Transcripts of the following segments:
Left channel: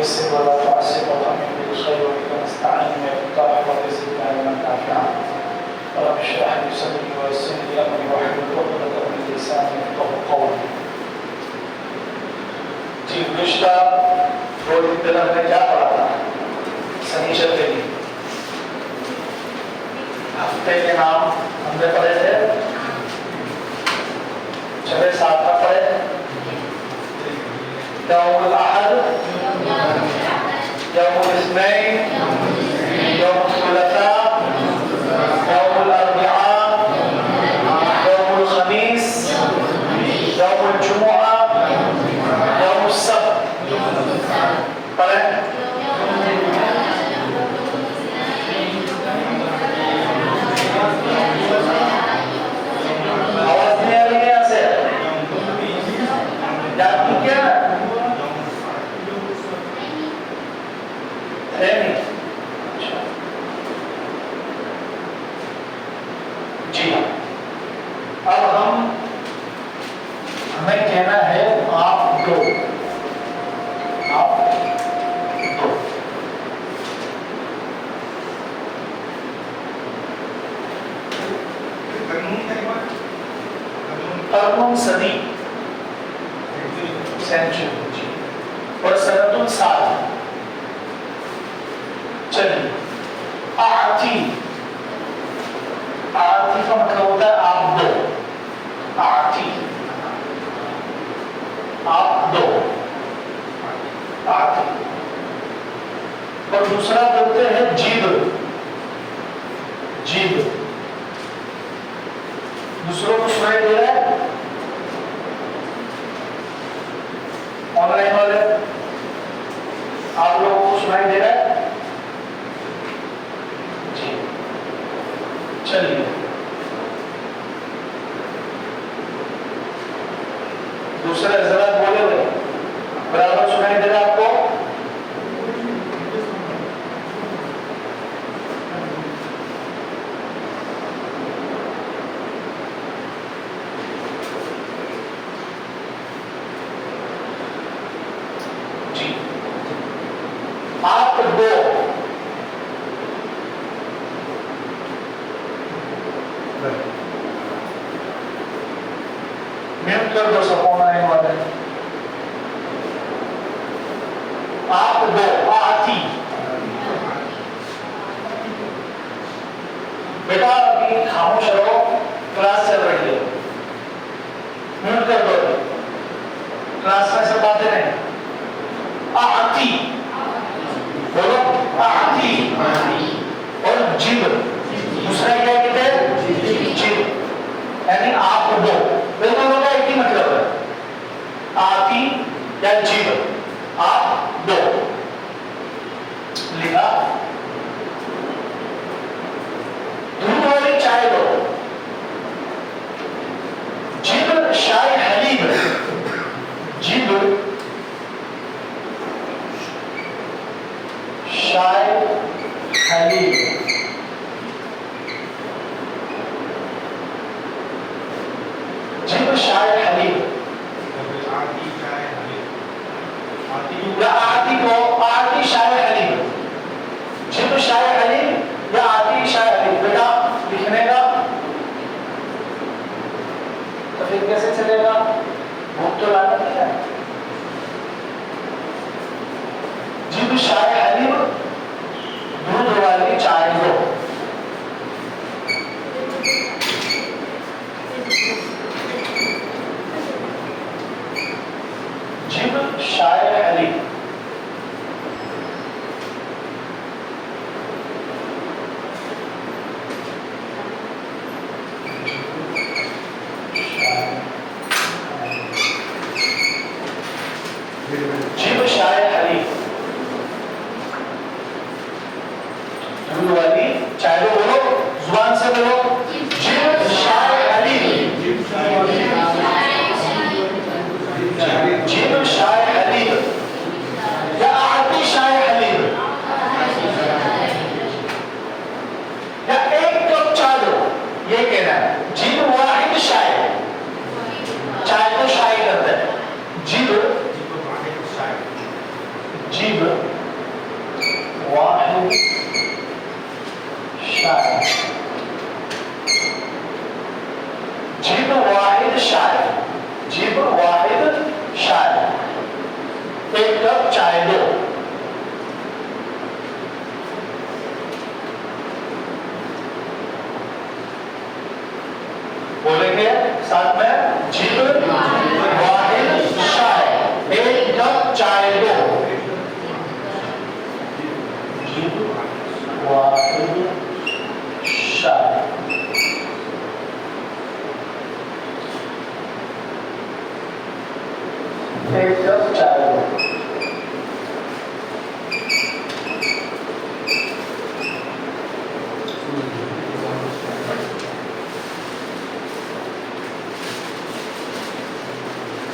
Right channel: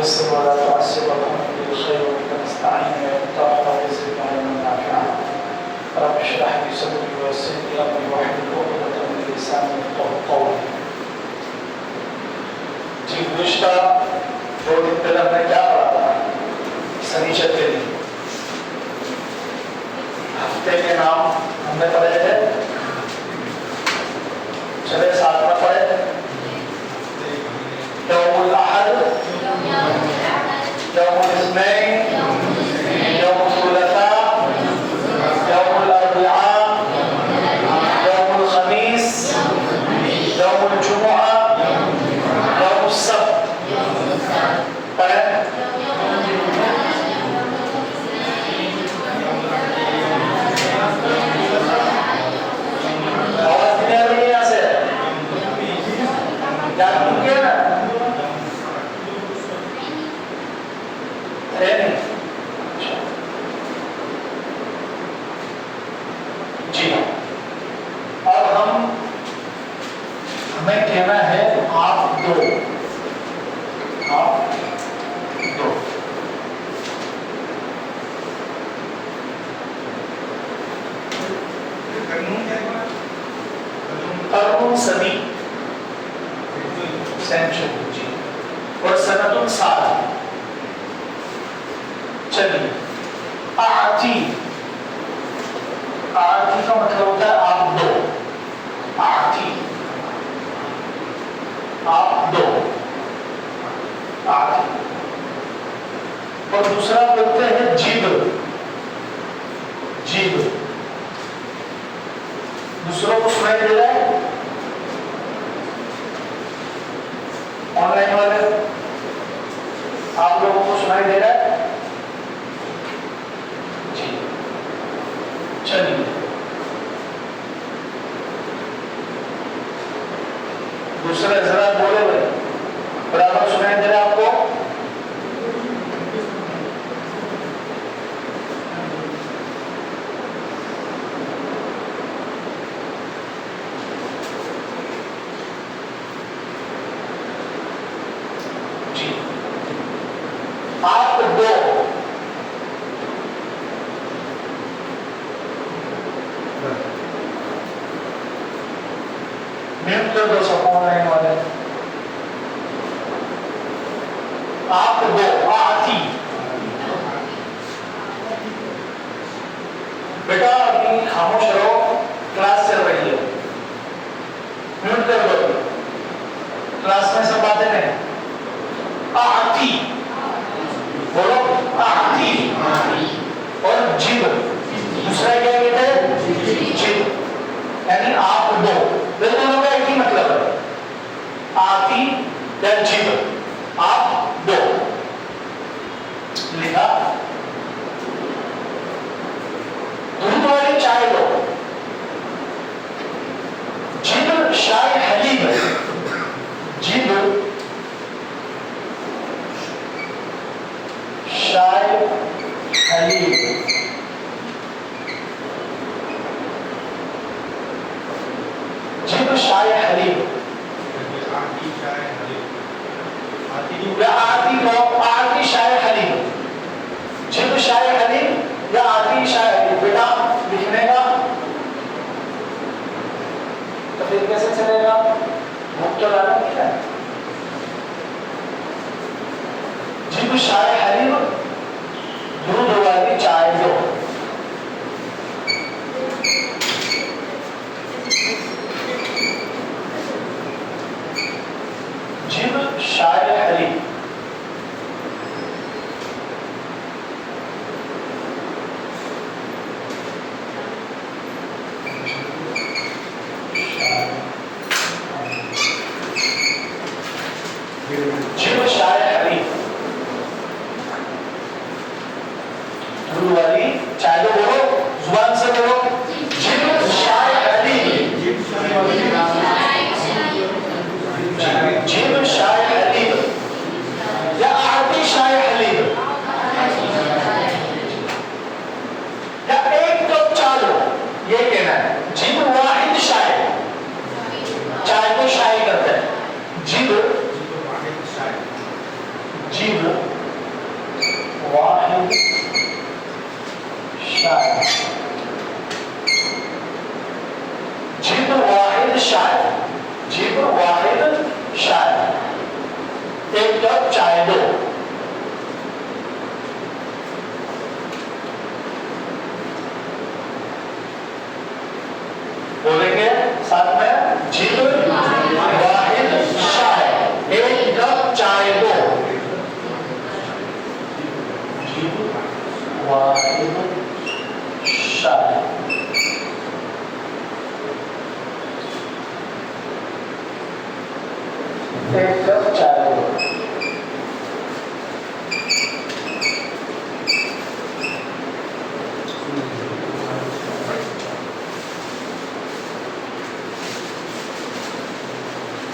ويسر ولا تعسر وتمن بالخير وبك نستعين وبالطاعة وبزدنا علما نافعا. رب اشرح لي صدري ويسر لي امري واحلل عقدة من لساني يفقهوا قولي. जी गुज़िश्ता 2 दिन पहले हमने क्या पढ़ा था? शनिचर के दिन हफ्ते के नाम हमने पढ़े थे। चले साथ में पढ़े यौमुल अहद, यौमुल इस्नैन, यौमुल सुलसा, यौमुल अर्बिआ, यौमुल खमीस, यौमुल जुमुआ, यौमुल सब्त पढ़े। आवाज नहीं आ रही है यहाँ से? जानती क्या ना? है नहीं? जी अब हमें कहना है आप दो कर्नुन सदी सेंचुरी जी और सनतुन साल। चलिए आती का मतलब होता है आप दो। आती आप दो आती। और दूसरा बोलते हैं जीव। जीव दूसरों को सुनाई दे रहा है? ऑनलाइन वाले आप लोगों को सुनाई दे रहा है? जी चलिए दूसरा जरा बोले हुए बराबर सुनाई दे रहा है आपको? आप दो म्यूट कर दो सब ऑनलाइन वाले। आप दो आती। बेटा अभी खामोश रहो, क्लास चल रही है। म्यूट कर दो, क्लास में सब बातें नहीं। आती बोलो आती। और जीव दूसरा क्या कहते हैं? जीव यानी आप दो दोनों का एक ही मतलब है। आती या जीव आप दो लिखा। दूध वाली चाय दो। जीव शाय हलीब। जीव शाय हलीब। जीव शाय हलीब या आती को आती शाय हलीब। जीव शाय हलीब या आती शाय हलीब। बेटा लिखने का तो फिर कैसे चलेगा? भूख तो लाना क्या है? जीव शाय हलीब दूध वाली चाय दो। जीव शाय हलीब जीव शाय हलीब दूध वाली चाय दो। बोलो जुबान से बोलो जीव शाय हलीब। जीव शाय हलीब या आती शाय हलीब या एक कप चाय दो। ये कहना है। जीव वाहिद शाय चाय को शाय करते हैं। जीव जिब वाहिद शायर, जिब वाहिद शायर, जिब वाहिद शायर, एक कप चाय दो। बोलेंगे साथ में, जिब वाहिद शायर, एक कप चाय दो। जिब वाहिद शायर, एक कप चाय दो।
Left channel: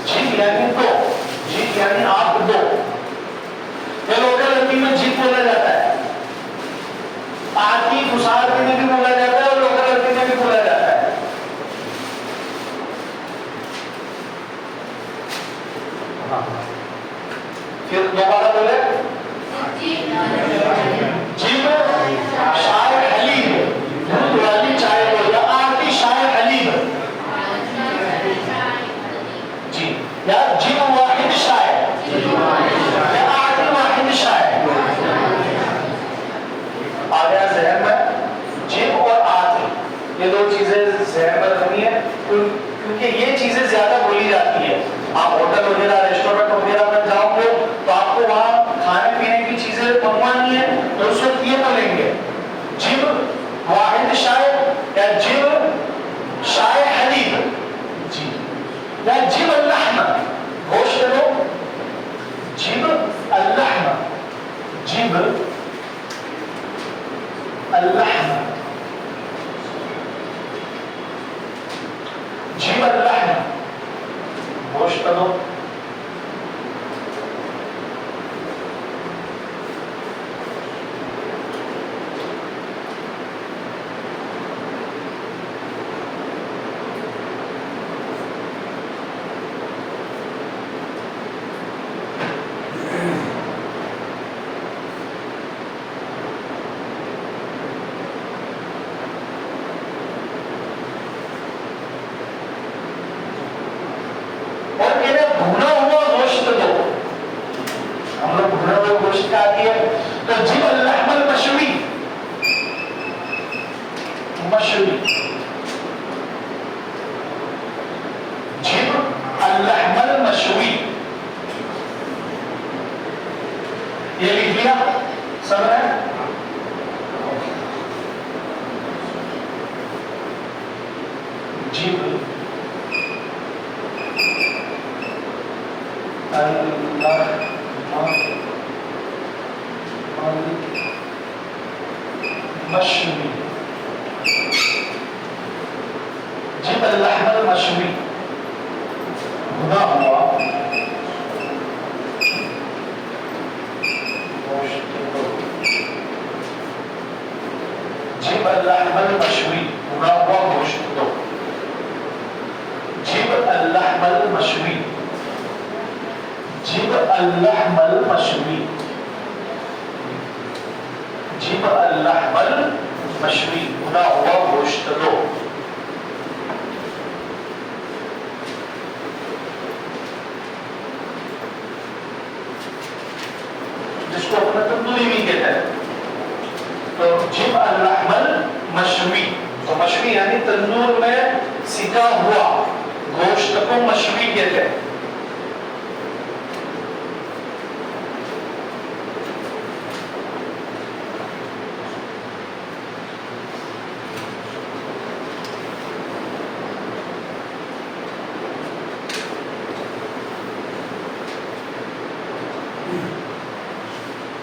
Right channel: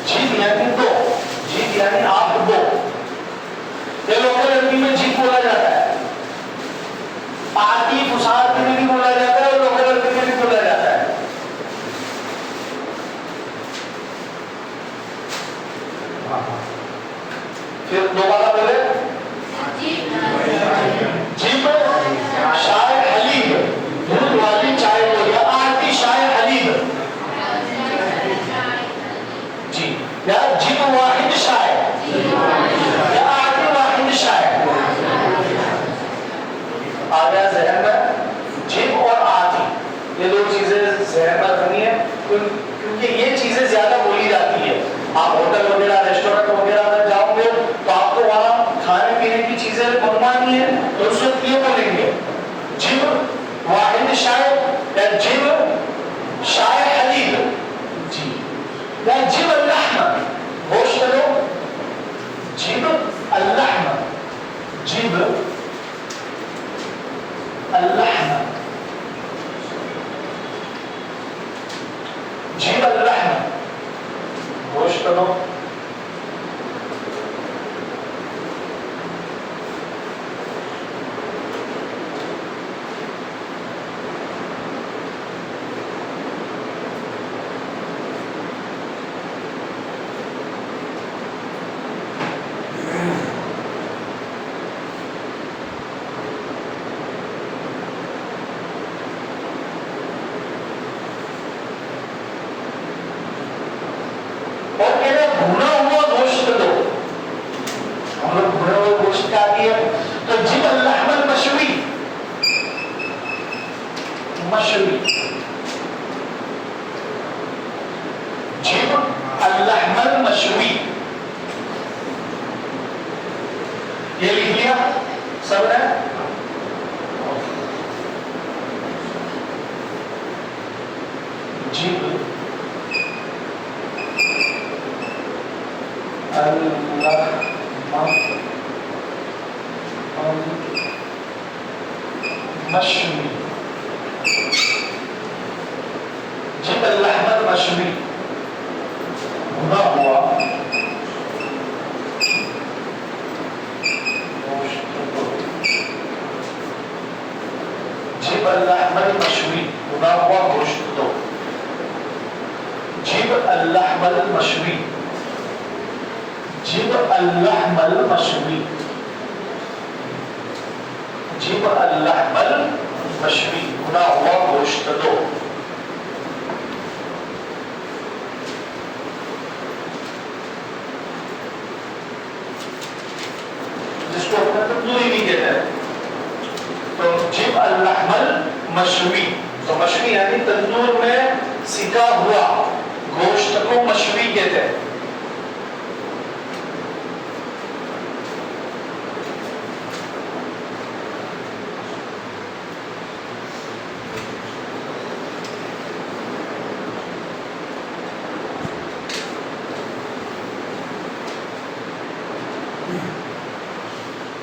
जीप यानी दो, जीप यानी आप दो। ये लोकल अरबी में जीप बोला जाता है, आती फुसार में भी बोला जाता है और लोकल अरबी में भी बोला जाता है। फिर दोबारा बोले, जीप शायर हलीब, दूध वाली चाय को, या आती शायर हलीब जी, या जिब वाहिद शायर, या आती वाहिद शायर। आ गया जहन में, जिब और आती ये दो चीजें जहन में रखनी है, क्योंकि ये चीजें ज्यादा बोली जाती है। आप होटल वगैरह रेस्टोरेंट वगैरह में जाओगे तो आपको वहां खाने पीने की चीजें मंगवानी है, तो उस वक्त ये बोलेंगे जिब वाहिद शायर या जिब शायर हलीब जी, या जिब अल्लाहमा गोश्त लो, जिब अल्लाहमा, जिब अल्लाहमा, जिब अल्लाहमा गोश्त लो। और मेरा भुना हुआ गोश्त दो, हम लोग भुना हुआ गोश्त खा दिए, तो जिब अल्लाहमल मशवी, मशवी, जिब अल्लाहमल मशवी, ये लिख लिया सब है। जिब मशवी, जिब अल्लाहमल मशवी, भुना हुआ जिब अल्लाहमल मशवी, भुना हुआ गोश्त दो। जिब अल्लाहमल मशवी, जिब अल्लाहमल मशवी, जिब अल्लाहमल मशवी, भुना हुआ गोश्त दो। जिसको अपना तंदूरी भी कहते हैं। तो जिब अल्लाहमल मशवी, तो मशवी यानी तंदूर में सिका हुआ गोश्त को मशवी कहते हैं।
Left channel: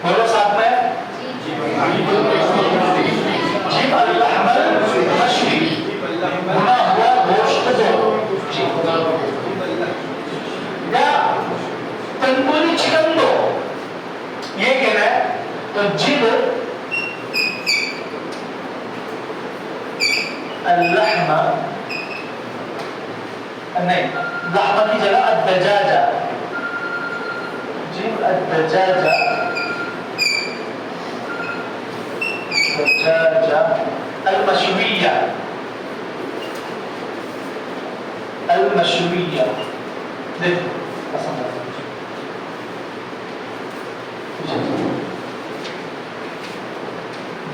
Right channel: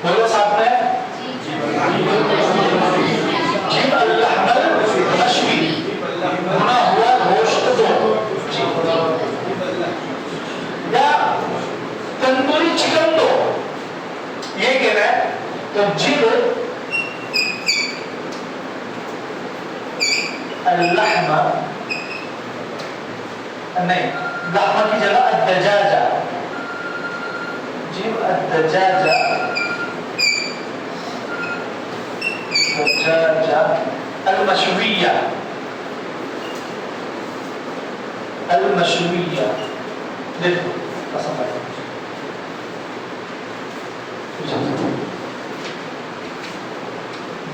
बोलो साथ में, जिब अल्लाहमल मशवी, भुना हुआ गोश्त दो। या तंदूरी चिकन दो, ये कहना है। तो जिब अल्लाहमा, नहीं, लहमा की जगह अद्दजाजा, जिब الدجاجة المشوية المشوية देखो पसंद आता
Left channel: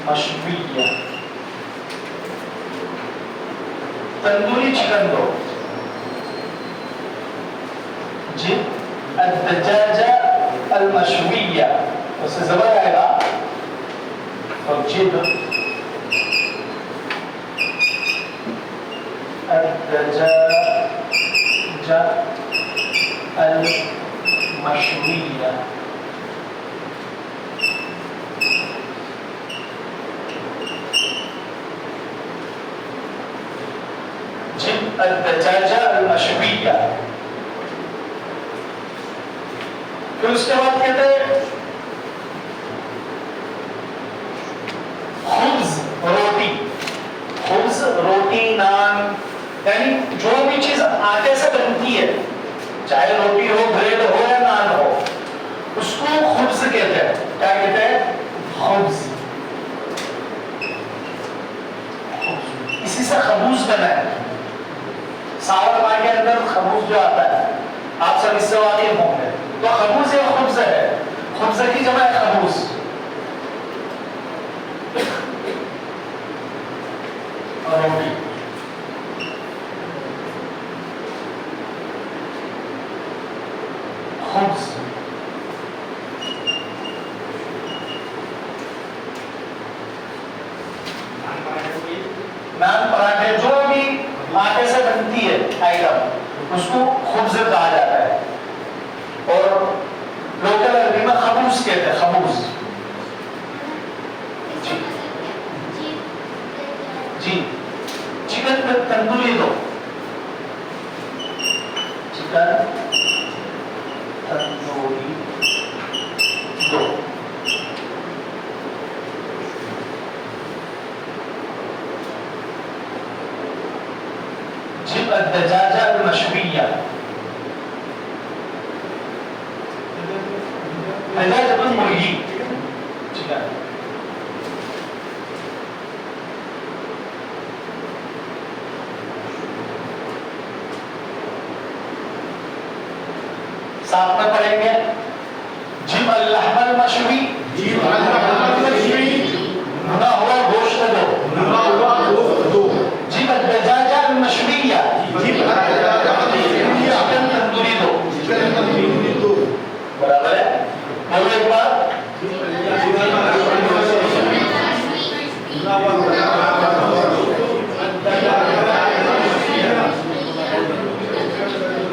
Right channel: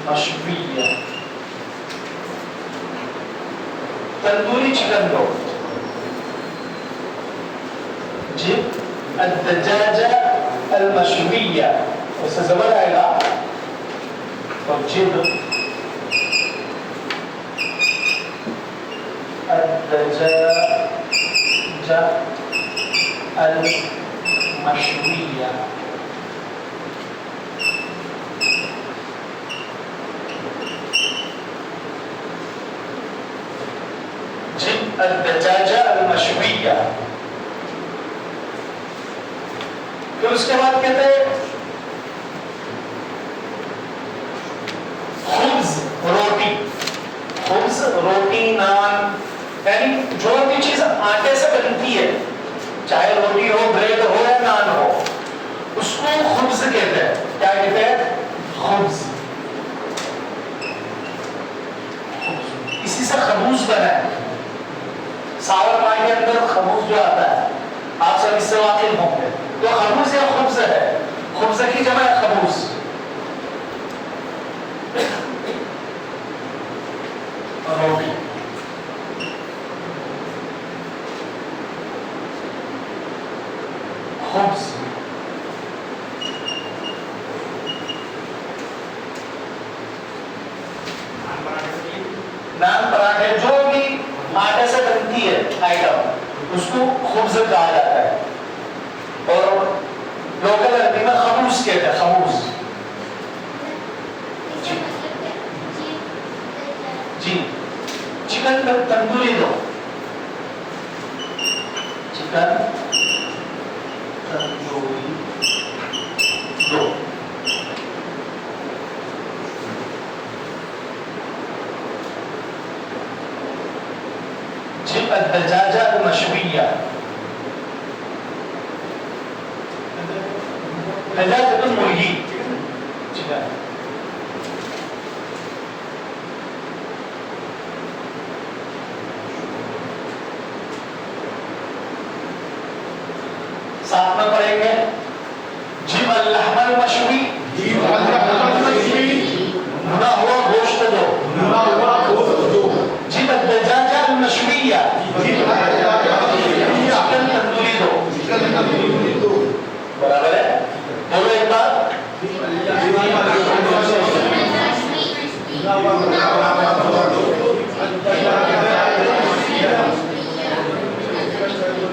मशवीया तंदूरी चिकन दो जी الدجاجة المشوية उससे जबर आएगा और जिब الدجاجة المشوية الدجاجة المشوية फिर उसके बाद कहते हैं खुब्ज रोटी नान यानी जो भी चीज आटे से बनती है चाहे रोटी हो ब्रेड हो या नान हो उसको खुब्ज कहते हैं क्या कहते हैं खुब्ज इसी से खबूज बना है सावरमा के अंदर खबूज जो आता है आप सब इससे वाकिफ होंगे तो खबूज या खुब्ज है खुब्ज की जमा है खबूज रोटी खुब्ज नान पराठे जो भी आटे से बनती है आइटम उसको खुब्ज कहा जाता है और लोकल अरबी में खबूज कहते हैं खबूज जी चिकन तंदूरी दो चिकन तंदूरी दो जिब الدجاجة المشوية دجاجة मुर्गी चिकन साथ में पढ़ेंगे जिब अल-लहम अल-मशवी भुना हुआ गोश्त दो जिब अद-दजाजा अल-मशविया चिकन तंदूरी दो बराबर है बोलो एक बार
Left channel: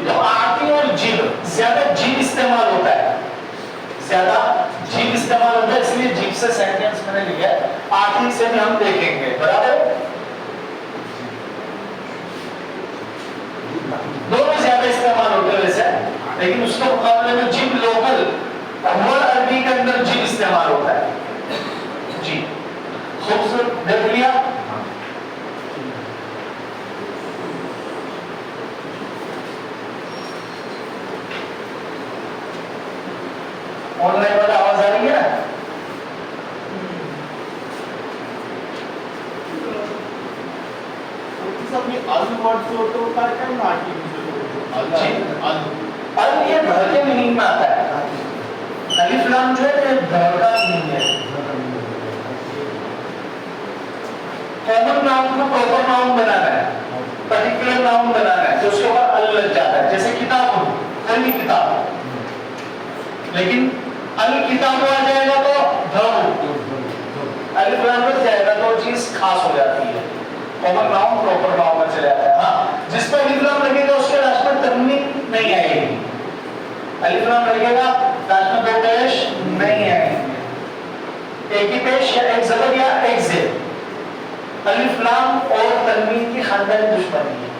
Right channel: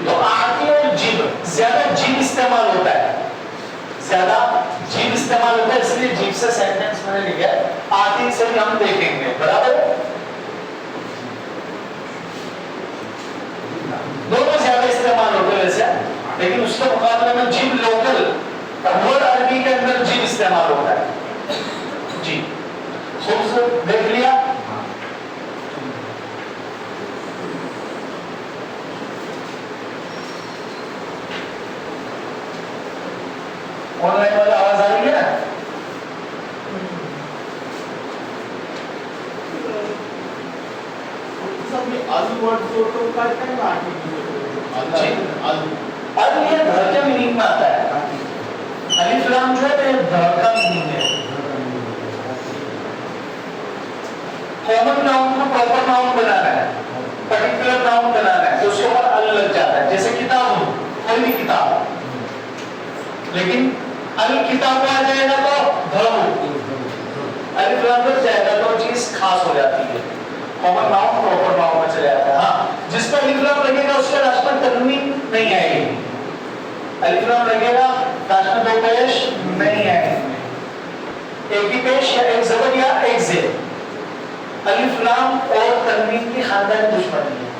तो आती और जिब ज्यादा जिब इस्तेमाल होता है ज्यादा जीभ इस्तेमाल होता है इसलिए जीभ से सेंटेंस मैंने लिखा है आती से भी हम देखेंगे बराबर दोनों ज्यादा इस्तेमाल होते हैं वैसे लेकिन उसके मुकाबले में जीभ लोकल वर्ड अरबी के अंदर जीभ इस्तेमाल होता है जी खूबसूरत देख लिया ऑनलाइन वाला आवाज आ रही है ना सब में आलू वर्ड तो काटता है ना आलू ये घर के मीनिंग में आता है अलिफ लाम जो है घर का मीनिंग है कॉमन नाउन को प्रॉपर नाउन बनाना है पर्टिकुलर नाउन बनाना है तो उसके बाद अल लग जाता है जैसे किताब हो कोई भी किताब लेकिन अल किताब आ जाएगा तो अलिफ लाम लग जाएगा तो चीज खास हो जाती है कॉमन नाउन प्रॉपर नाउन में चले जाता है हाँ जिस पर अलिफ लाम लगेगा उसके लास्ट में तन्वीन नहीं आएगी अलिफ लाम लगेगा लास्ट में दो पेश नहीं आएंगे एक ही पेश या एक जबर या एक जेर अलिफ लाम और तन्वीन की खानदानी दुश्मनी है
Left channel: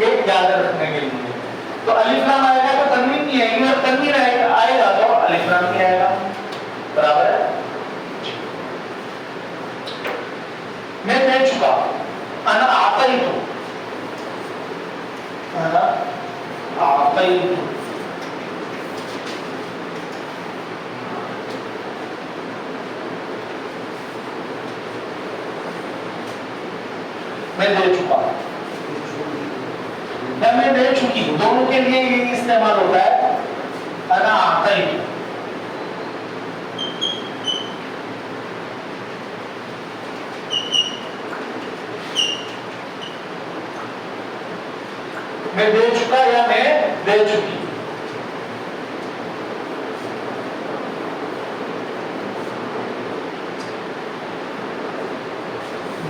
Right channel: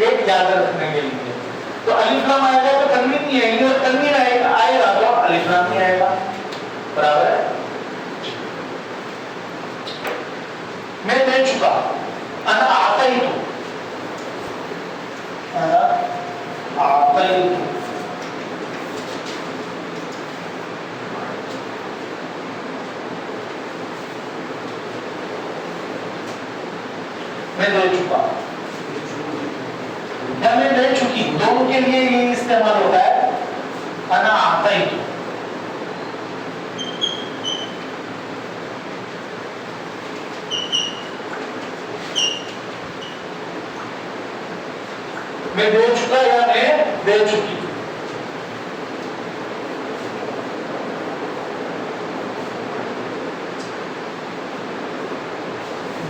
ये याद रखने के लिए तो अलिफ लाम आएगा तो तन्वीन नहीं आएगी और तन्वीन आएगा तो अलिफ लाम नहीं आएगा बराबर है मैं दे चुका अना आतैतु अना आतैतु मैं दे चुका या मैं दे चुकी, दोनों के लिए ये इस्तेमाल होता है अना आतैतु। मैं दे चुका या मैं दे चुकी।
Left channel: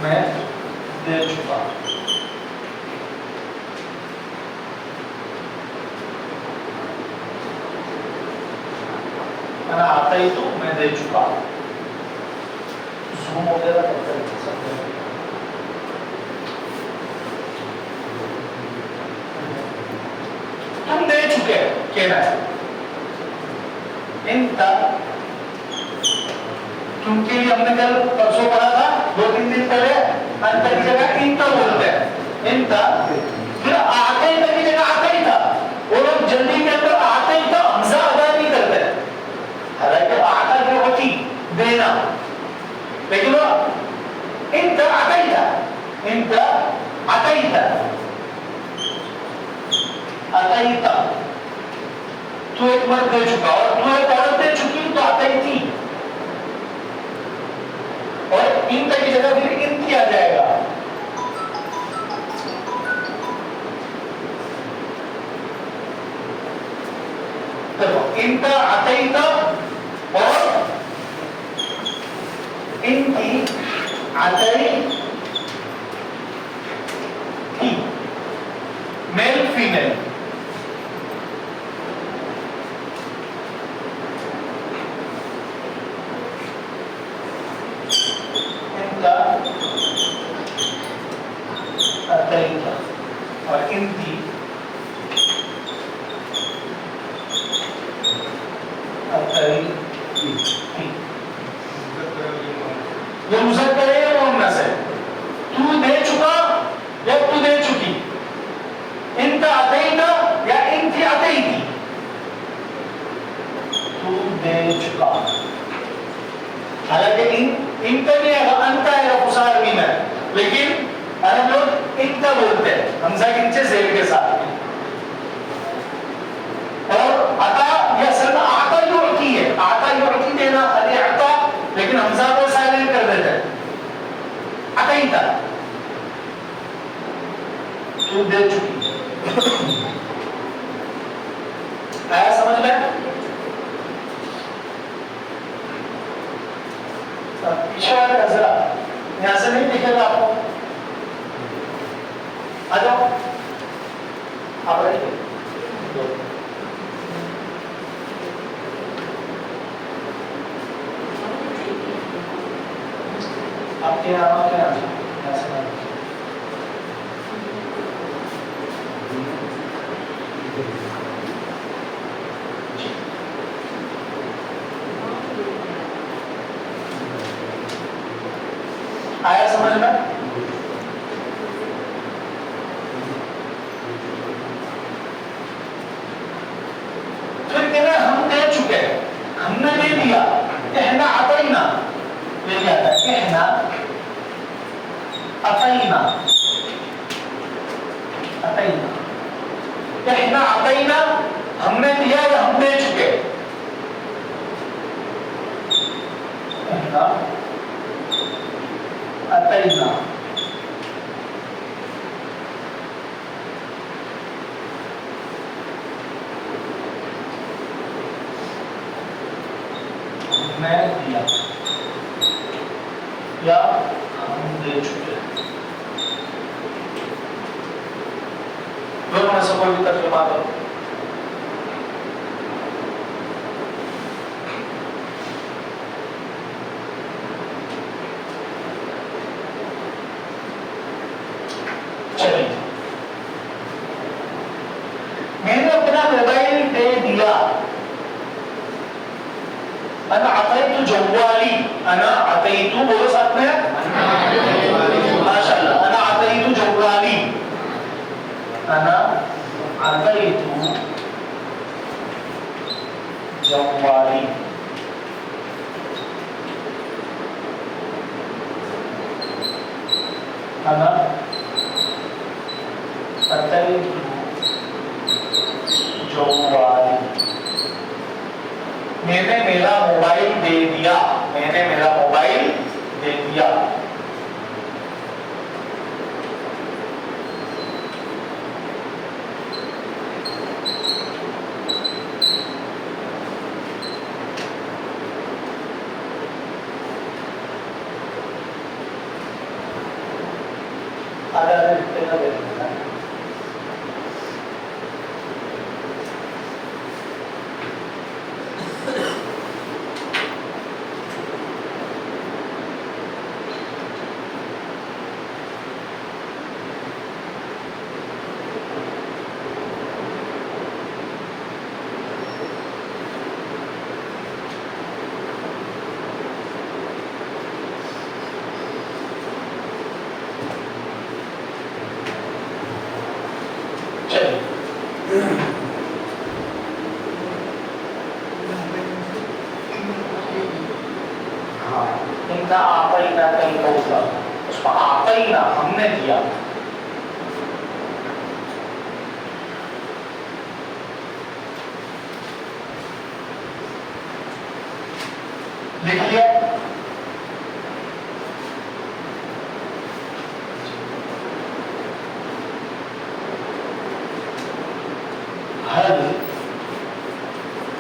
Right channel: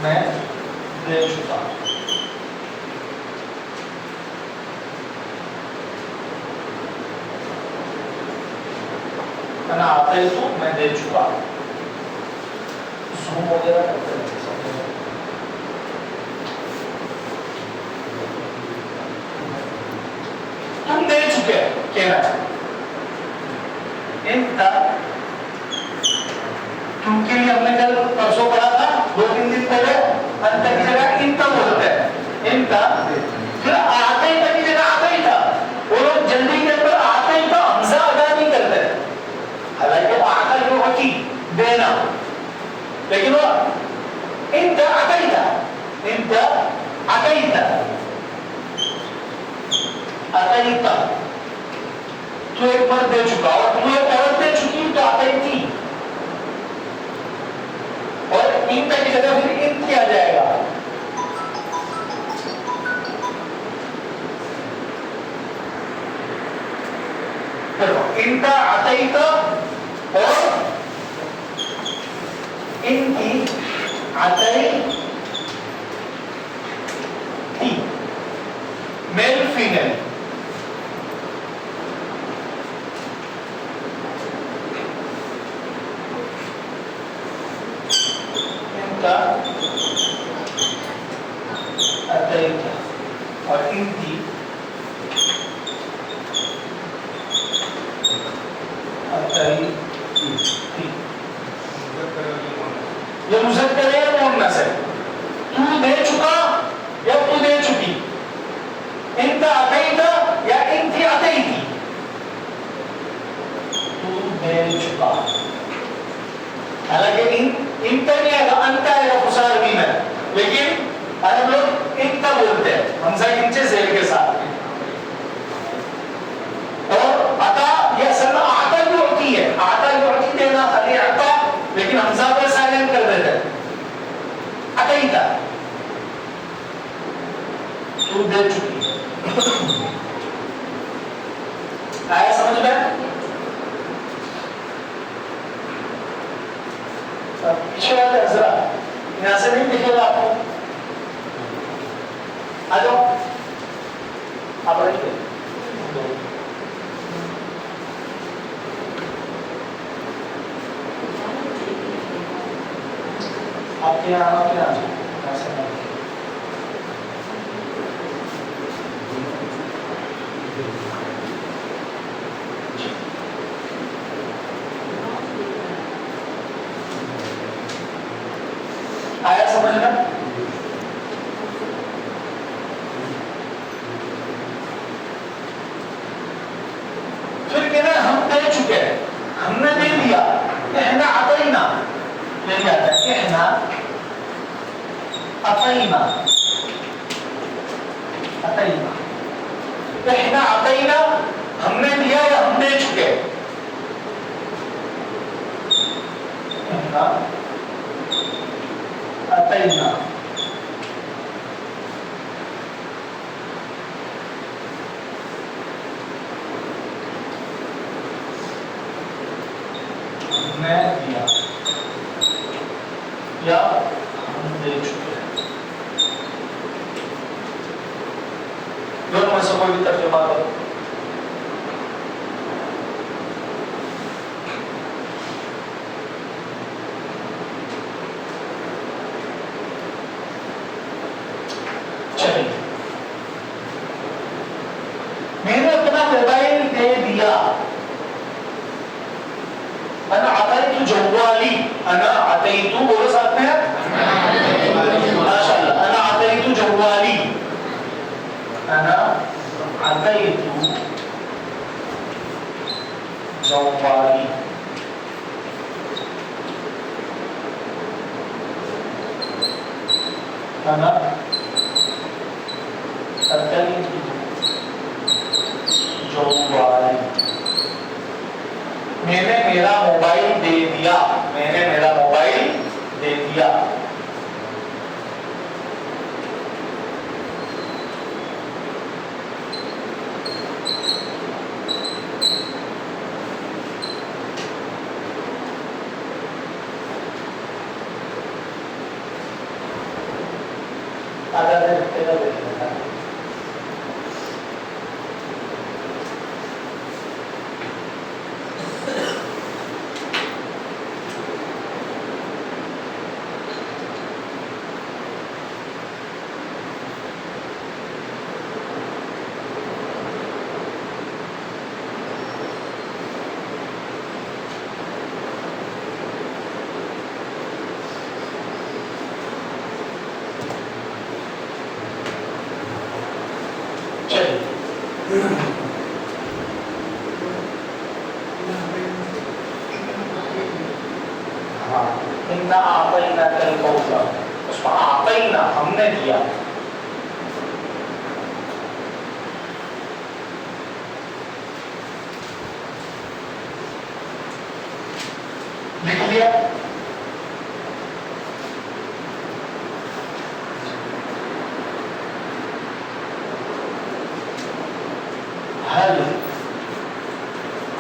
मैं दे चुका। अना आतैतु मैं दे चुका। ज़ूम वगैरह करते हैं तुम दे चुके कहना है। इनका तुमके लिए हमने कल परसों पढ़ा था 2-3 दिन पहले, अंतर की जगह इनका बोलते हैं इनका। फिर आते ही की जगह आता ही था, वो लोग जल्दी के अंदर आता ही था हमजा अदा नहीं करते। हालांकि आता जो होती देना, लेकिन वो इनका आता ही था, इनका आता ही था, आता ही था। तू एक मर्द दे चुका और तू एक औरत दे चुकी तो आता ही थी, और इनका की जगह फिर इन किया जाएगा। इनका अतईता और इनकी अतई थी, मेल फीमेल। इनका अतईता और इनकी ये मुज़क्कर है या मुअन्नस है? तू दे चुका या तू दे चुकी, इनका अतईता या इनकी अतईती। तू दे चुका, हालांकि इनका नहीं आएगा, अनका आएगा फुसार भी में, लेकिन अरब लोग इनका बोलते हैं हमजा के नीचे ज़ेर के साथ। और अता या सल्ला आता युअती है, आता युअती देना अली अता, लेकिन हमजा को साइलेंट कर देते हैं अतईता। तू दे चुकी, आया समझ में? पीछे वाले जरा यहां से नहीं दिखेगा आपको, आ जाओ आप रेडी दो। आपके यहाँ आया समझ में? फिर कहना हम दे चुके, हमने दे दिया, कहना अतईना ले जाता है, कहना अतईना, अतईना, कहना अतईना हमने दिया या हम दे चुके। कहना अतईना, मैं दिया या हम दे चुके। दोनों में से कोई भी तर्जुमा करो। चलिए, मैंने अपना मोबाइल दे दिया, अना अतईतु जवाली, अना अतईतु बोलो साथ में माशाअल्लाह, अना अतईतु जवाली, अना अतईतु जवाली। अना मैंने मेरा मोबाइल दे दिया, मैंने मेरा मोबाइल दे दिया। इतना आप ही ना कल पहुंचा, उसमें आप ही ना हमने दिया। लिख लिया? हल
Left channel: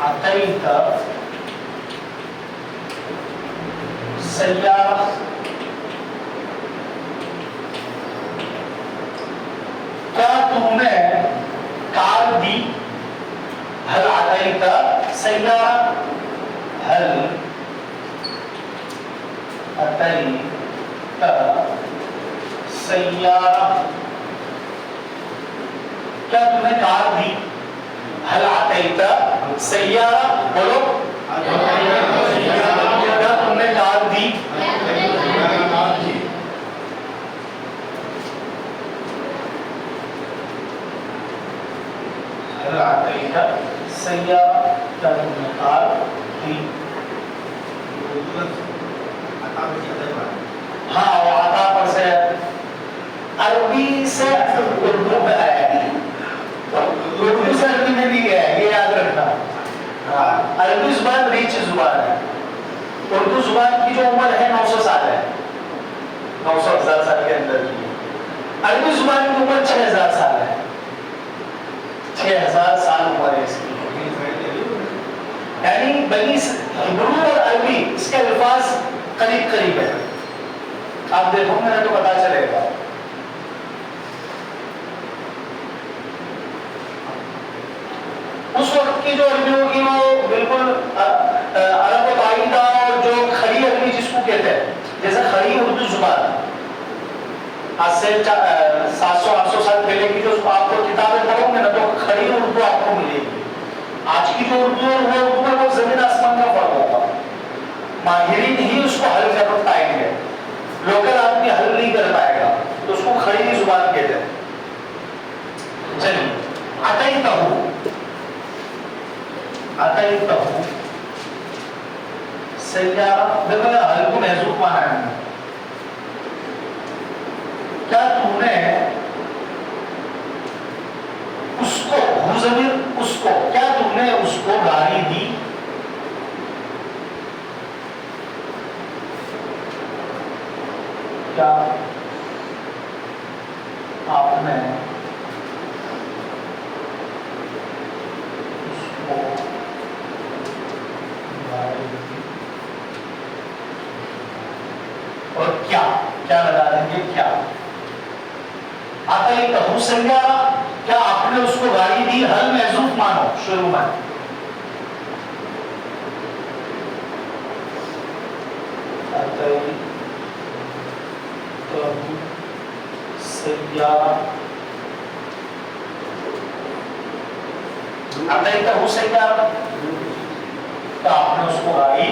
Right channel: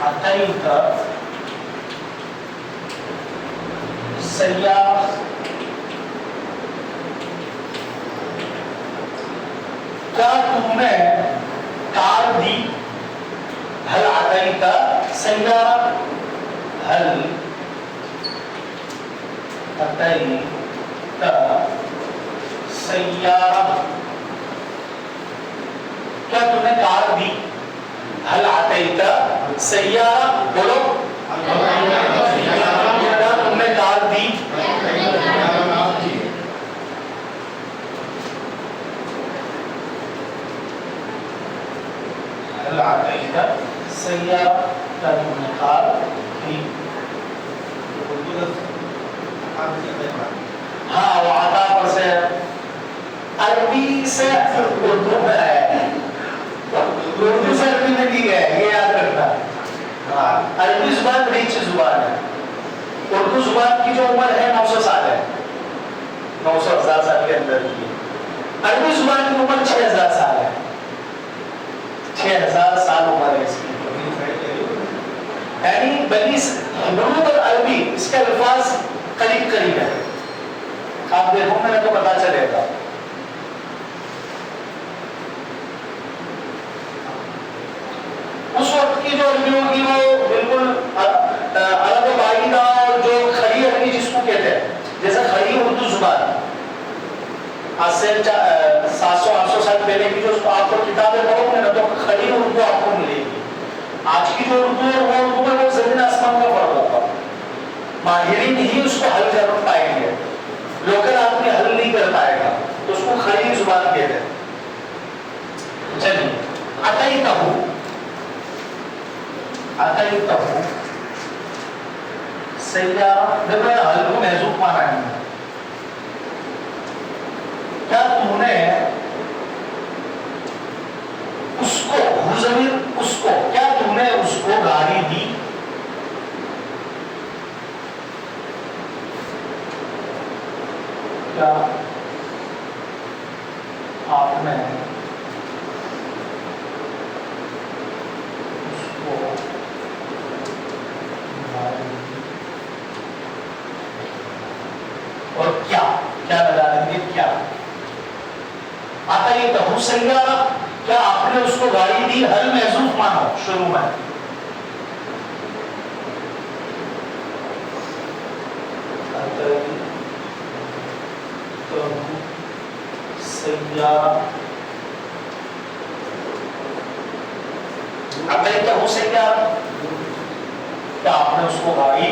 अतैत सय्यारा, क्या तुमने कार दी? हल अतैत सय्यारा, हल अतैत सय्यारा, क्या तुमने कार दी? हल अतैत सय्यारा, बोलो क्या तुमने कार दी? हल अतैत सय्यारा, क्या तुमने कार दी? हाँ, वो आता पर से अरबी से उर्दू में आया है, उर्दू से अरबी में भी गया है, ये याद रखना। हाँ, अरबी जुबान रिच जुबान है, उर्दू जुबान की जो उम्र है 900 साल है, 900,000 साल के अंदर की है। अरबी जुबान की उम्र 6000 साल है, 6000 साल उम्र है इसकी। यानी बनी हिब्रू और अरबी इसके अल्फाज करीब करीब है, आप देखोगे ना तो पता चलेगा। उस वक्त की जो अरबी होगी वो बिल्कुल अरब बाइदा और जो खड़ी अरबी जिसको कहते हैं, जैसे खड़ी उर्दू जुबान आज से 700-800 साल पहले की जो आपको किताबें पढ़ोगे ना तो खड़ी उर्दू आपको मिलेगी। आज की जो उर्दू है वो उर्दू में वो जमीन आसमान का फर्क होगा, माहिरीन ही उसको हल कर पाएंगे, लोकल आदमी हल नहीं कर पाएगा, तो उसको खड़ी जुबान कहते हैं। चलिए अतैतहु, अतैतहु सय्यारा, देखो ये हल को महजूब माना है, क्या तूने उसको, जमीर उसको, क्या तुमने उसको गाड़ी दी? क्या आपने उसको गाड़ी दी? और क्या क्या लगा देंगे? क्या आता ये कहूं सय्यारा, क्या आपने उसको गाड़ी दी? हल महजूफ मानो शुरू में, सय्यारा, अब नहीं कहूं सय्यारा, तो आपने उसको गाड़ी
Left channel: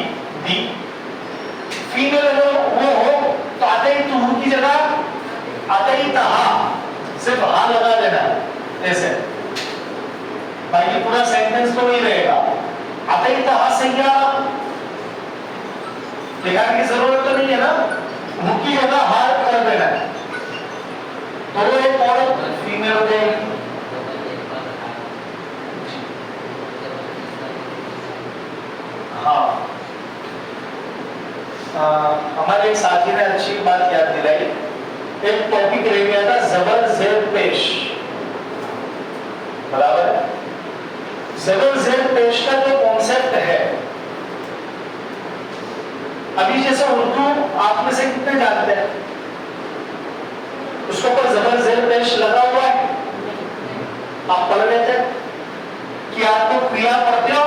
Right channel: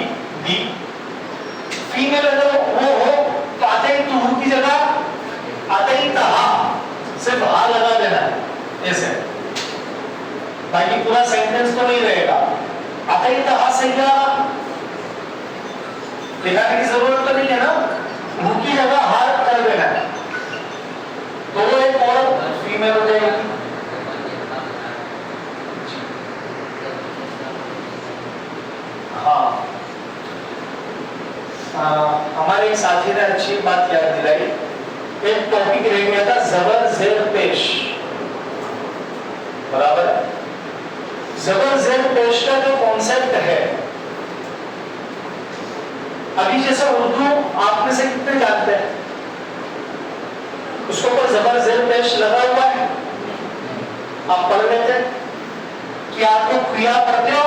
दी। फीमेल अगर वो हो तो अतैतहु की जगह अतैतहा सिर्फ हा लगा देना है ऐसे, बाकी पूरा सेंटेंस तो नहीं रहेगा। अतैतहा सय्यारा लिखाने की जरूरत तो नहीं है ना, हु की जगह हा कर देना है, तो वो एक और फीमेल हो जाएगी। हमारे एक साथी ने अच्छी बात याद दिलाई। एक टॉपिक रह गया था जबर जेर पेश, बराबर। जबर जेर पेश का जो कॉन्सेप्ट है, अभी जैसे उर्दू आप में से कितने जानते हैं? उसके ऊपर जबर जेर पेश लगा हुआ है, आप पढ़ लेते हैं कि आपको क्रिया पढ़ते हो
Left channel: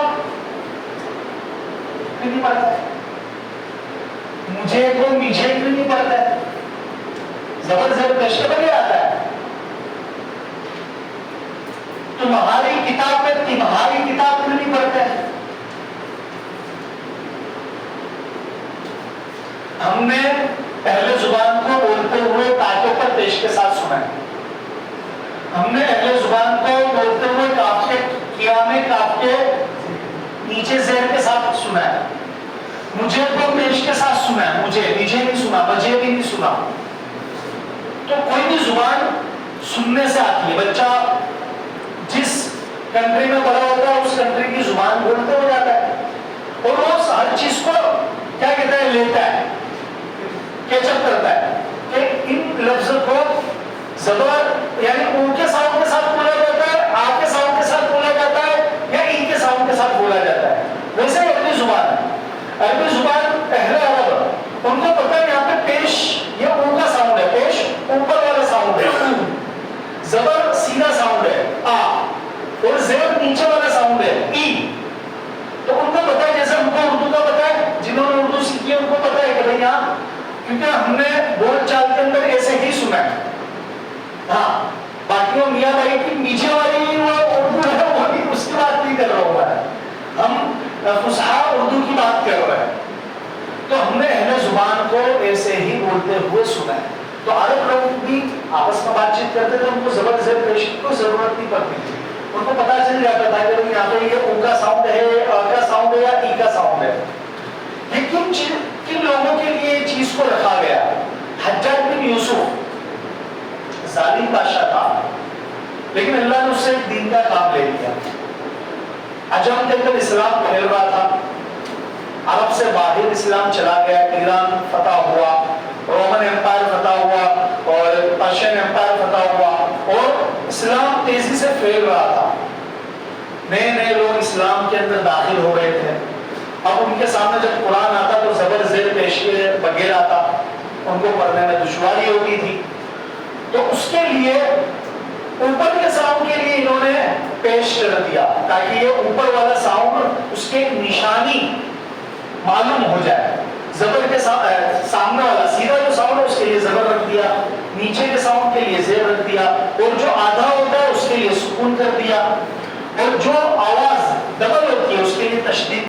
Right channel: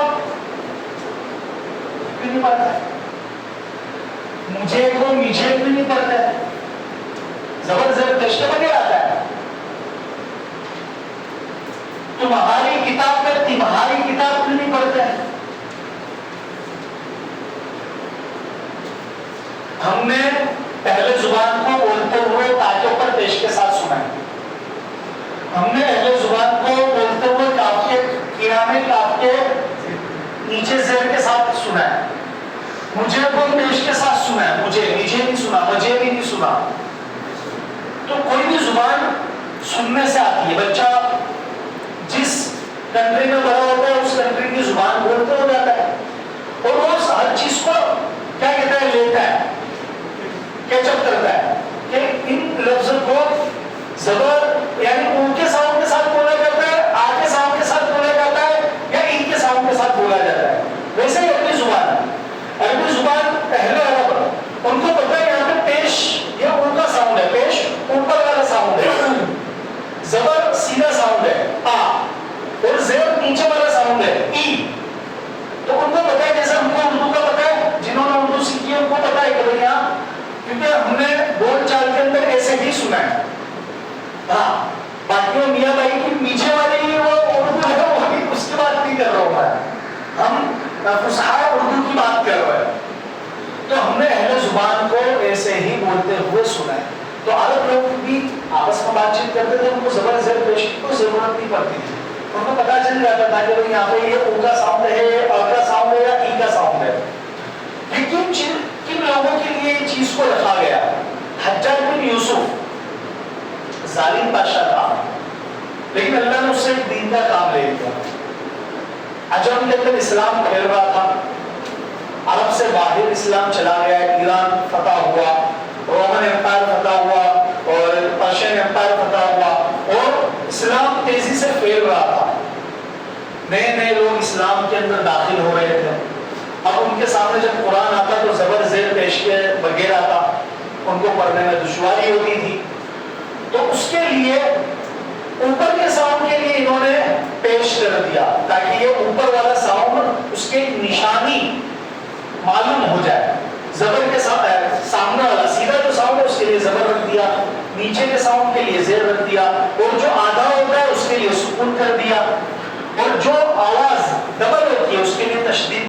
क्यों नहीं पढ़ते? मुझे को मुझे क्यों नहीं पढ़ते? जबर जेर पेश के बगैर आता है। तुम्हारी किताब में तुम्हारी किताब क्यों नहीं पढ़ते हैं? हमने पहले जुबान को बोलते हुए ताके पर पेश के साथ सुना है। हमने पहले जुबान को बोलते हुए काफ के किया में काफ के नीचे जेर के साथ सुना है। मुझे को पेश के साथ सुना है, मुझे नीचे नहीं सुना, मुझे भी नहीं सुना। तो कोई भी जुबान सुनने से आती है। बच्चा जिस कंट्री में बड़ा होता है उस कंट्री की जुबान बोलते हो जाता है और वो हर चीज को क्या कहता है, लेता है, कैचअप करता है कि इन लफ्जों को जबर यानी उनके साउंड के साथ बोला जाता है, आ के साउंड के साथ बोला जाता है या इनके साउंड के साथ बोला जाता है। वैसे ही अरबी जुबान पहले अरब, उनको पता है यहाँ पे पेश ये ऊपर साउंड है, पेश ऊपर वाला साउंड है, जबर सीधा साउंड है आ, और जेर नीचे वाला साउंड है ई। तो उनको पता है, जैसे हमको उर्दू का पता है, जिन्होंने उर्दू सीखी है उनको पता है कि भाई यहाँ, क्योंकि हमने बोलचाल के अंदर ऐसे ही सुना है। हाँ, बाकी वो मियाँ भाई की नीचे वाली वो उर्दू है, वो भी उसकी बात नहीं कर रहा हूँ मैं, हम फुसहा उर्दू की बात कर रहे हैं। तो हमने अहले जुबान को ऐसे ही बोलते हुए सुना है। तो अरब लोग भी आपस में बातचीत करते थे, उनको जबर जेर पेश की कोई जरूरत नहीं पड़ती थी। उनको पता चल जाता था कि यहाँ पे ये ऊ का साउंड है, अ का साउंड है या ई का साउंड है। लेकिन किन लोगों के लिए चीज को रखा गया? हज्जाज बिन यूसुफ जालिम बादशाह था, लेकिन अल्लाह ने उससे दीन का काम ले लिया। अजम के अंदर इस्लाम फैल रहा था, अरब से बाहर इस्लाम चला गया, ईरान फतह हुआ, रोमन एम्पायर फतह हुआ और पर्शियन एम्पायर फतह हुआ और इस्लाम तेजी से फैल रहा था। नए नए लोग इस्लाम के अंदर दाखिल हो रहे थे। अब उनके सामने जब कुरान आता तो जबर जेर पेश के बगैर आता, उनको पढ़ने में दुश्वारी होती थी। तो उसके लिए ऊपर के साउंड के लिए इन्होंने पेश कर दिया ताकि ये ऊपर वाला साउंड उसके निशानी मालूम हो जाए। जबर के सामने वाला सीधा जो साउंड है उसके लिए जबर रख दिया, नीचे के साउंड के लिए जेर रख दिया और जो आधा होता है उसके लिए सुकून कर दिया और जो आवाज डबल होती है उसके लिए तशदीद